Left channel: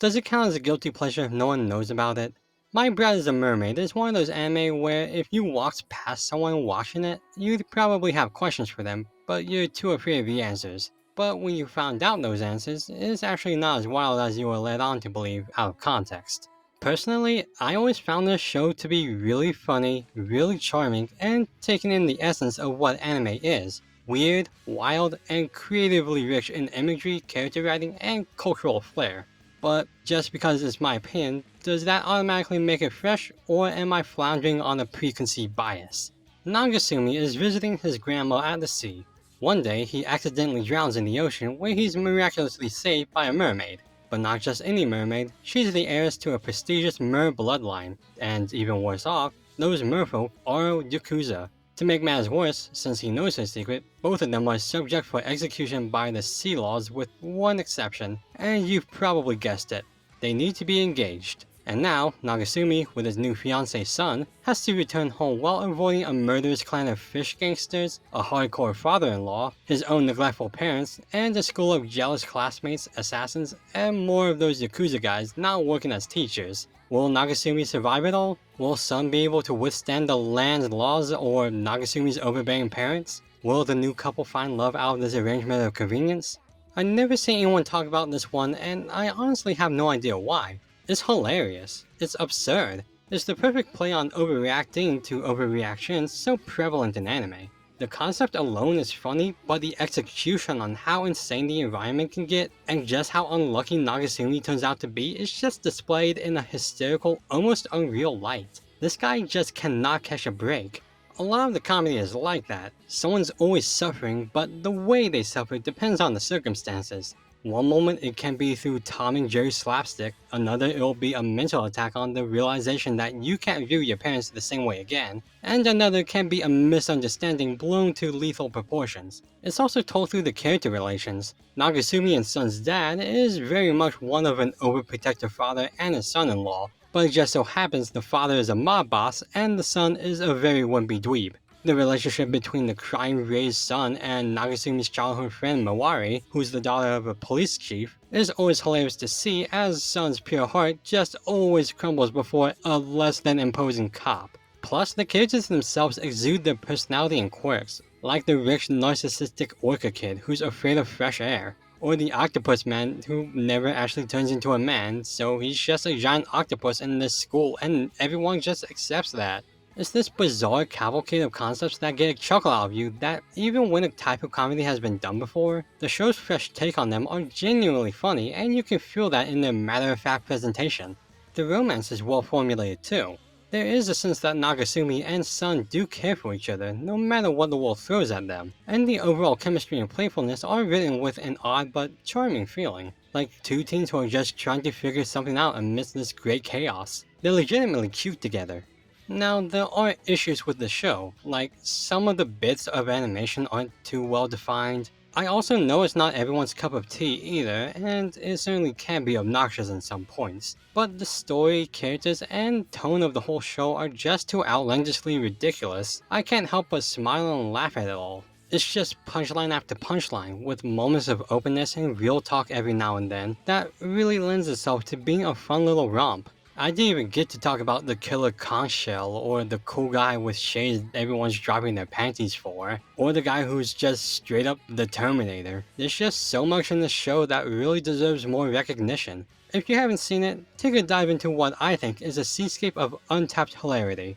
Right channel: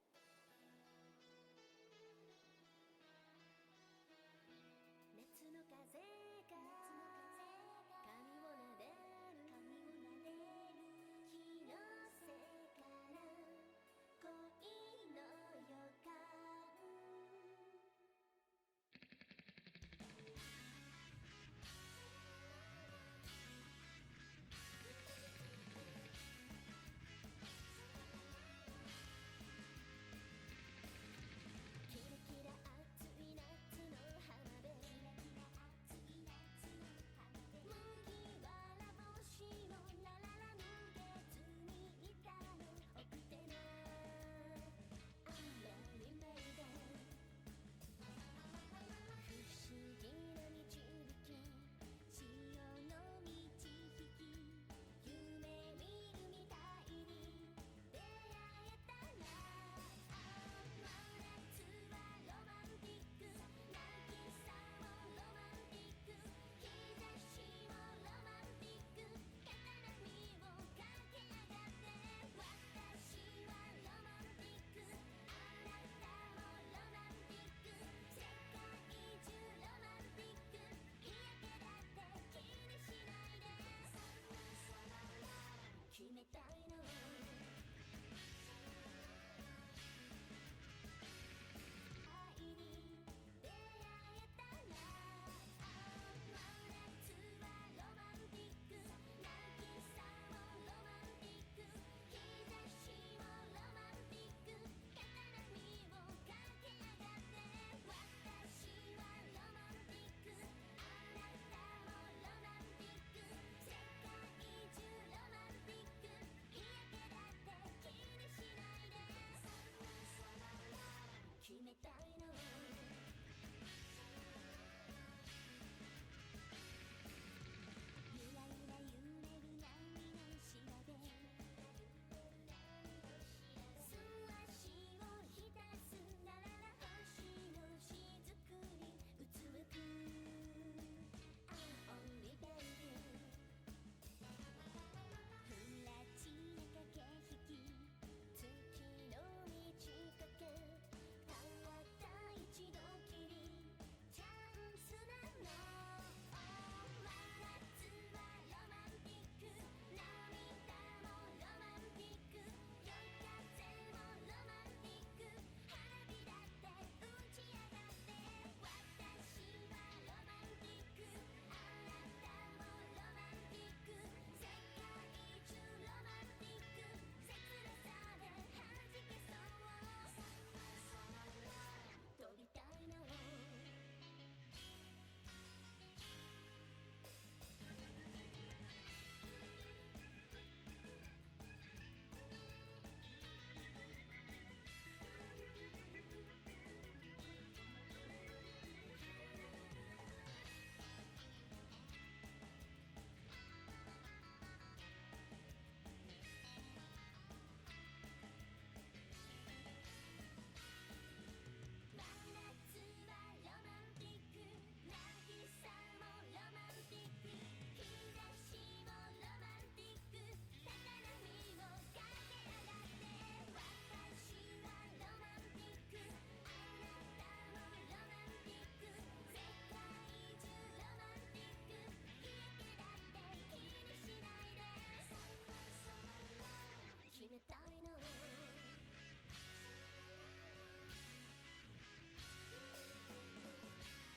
Does it count as a guilty pleasure if no one knows about it? My Bride is a Mermaid is one of those anime where if you walked past someone watching it, you'd probably have questions for them, but you're too afraid of the answers. But when you found out those answers, it's actually not as wild as you were led on to believe out of context. Personally, I always found this show to be really funny, really charming, and taking in the essence of what anime is. Weird, wild, and creatively rich in imagery, character writing, and cultural flair. But just because it's my opinion, does that automatically make it fresh, or am I floundering on a preconceived bias? Nagasumi is visiting his grandma at the sea. One day, he accidentally drowns in the ocean where he's miraculously saved by a mermaid. But not just any mermaid, she's the heiress to a prestigious mer bloodline, and even worse off, those merfolk are Yakuza. To make matters worse, since he knows her secret, both of them are subject for execution by the sea laws with one exception, and you've probably guessed it. They need to be engaged. And now, Nagasumi, with his new fiancé Sun, has to return home while avoiding a murderous clan of fish gangsters, a hardcore father-in-law, his own neglectful parents, and a school of jealous classmates, assassins, and more of those Yakuza guys not working as teachers. Will Nagasumi survive it all? Will Sun be able to withstand the land's laws or Nagasumi's overbearing parents? Will the new couple find love out of this arrangement of convenience? I never see anyone talk about this one, and I honestly have no idea why. It's hilarious. It's absurd. It's the perfect play on overreacting to overreactions so prevalent in anime. The concept alone is funny, but the execution on how insane the environment can get, and just how unlucky Nagasumi turns out to be, is just displayed in a hysterical, almost unreal light. This guy just cannot catch a break. A lot of the comedy is like that. Someone's always suffering, but the way they suffer depends on the circumstances. One moment it can be through Tom and Jerry slapstick, another it'll be a mental attack on the realization that you can't view your parents the same way again, and another can be a misunderstanding blown to lethal proportions. It's also told through the character relations. Nagasumi and Sun's dad is very much one of an overprotective father and a son-in-law, but it just so happens the father is a mob boss and the son is a very wimpy dweeb. The relationship between the crime-raised son and Nagasumi's childhood friend Mawari, who's the daughter of a police chief, is always hilarious to see as Sun's pure heart just always crumbles before a less than imposing cop. Plus, the characters themselves exude their personality and quirks, like the rich narcissistic orca kid who's afraid of fresh air, or the octopus man who never actually turns into a man, so he's just a giant octopus in this school and everyone just accepts that. It's this bizarre cavalcade of concepts that get a chuckle out of you that even when a type of comedy has been done before, the show's fresh take on them are genuinely funny and you can feel that in their matter-of-fact presentation. The romance is well formulated too. There is a sense that Nagasumi and Sun do care for each other no matter what the world throws at them, and the overall chemistry and playfulness are written with an odd but charming feeling, like two teens who are just trying to figure something out amidst this great chaos. They're legitimately cute together. Now, there are issues with the show, like some of the bits of animation aren't too well defined. I also know it's not everyone's cup of tea either, and it certainly can be obnoxious in some points, but the story, characters, and tone of the whole show are just too outlandishly ridiculous. I can't help but smile and laugh at it all. It's just punchline after punchline, with moments of openness and real talk every now and then, that really lends itself to being a fun little romp. I didn't even get to talk about the killer conch shell, or the cool guy with shades everyone's dropping their panties for, or the guy who's just straight up the Terminator. There's just so much in this show that really deserves more recognition. If you haven't seen it, take a dive into what I think is a seascape of untapped hilarity.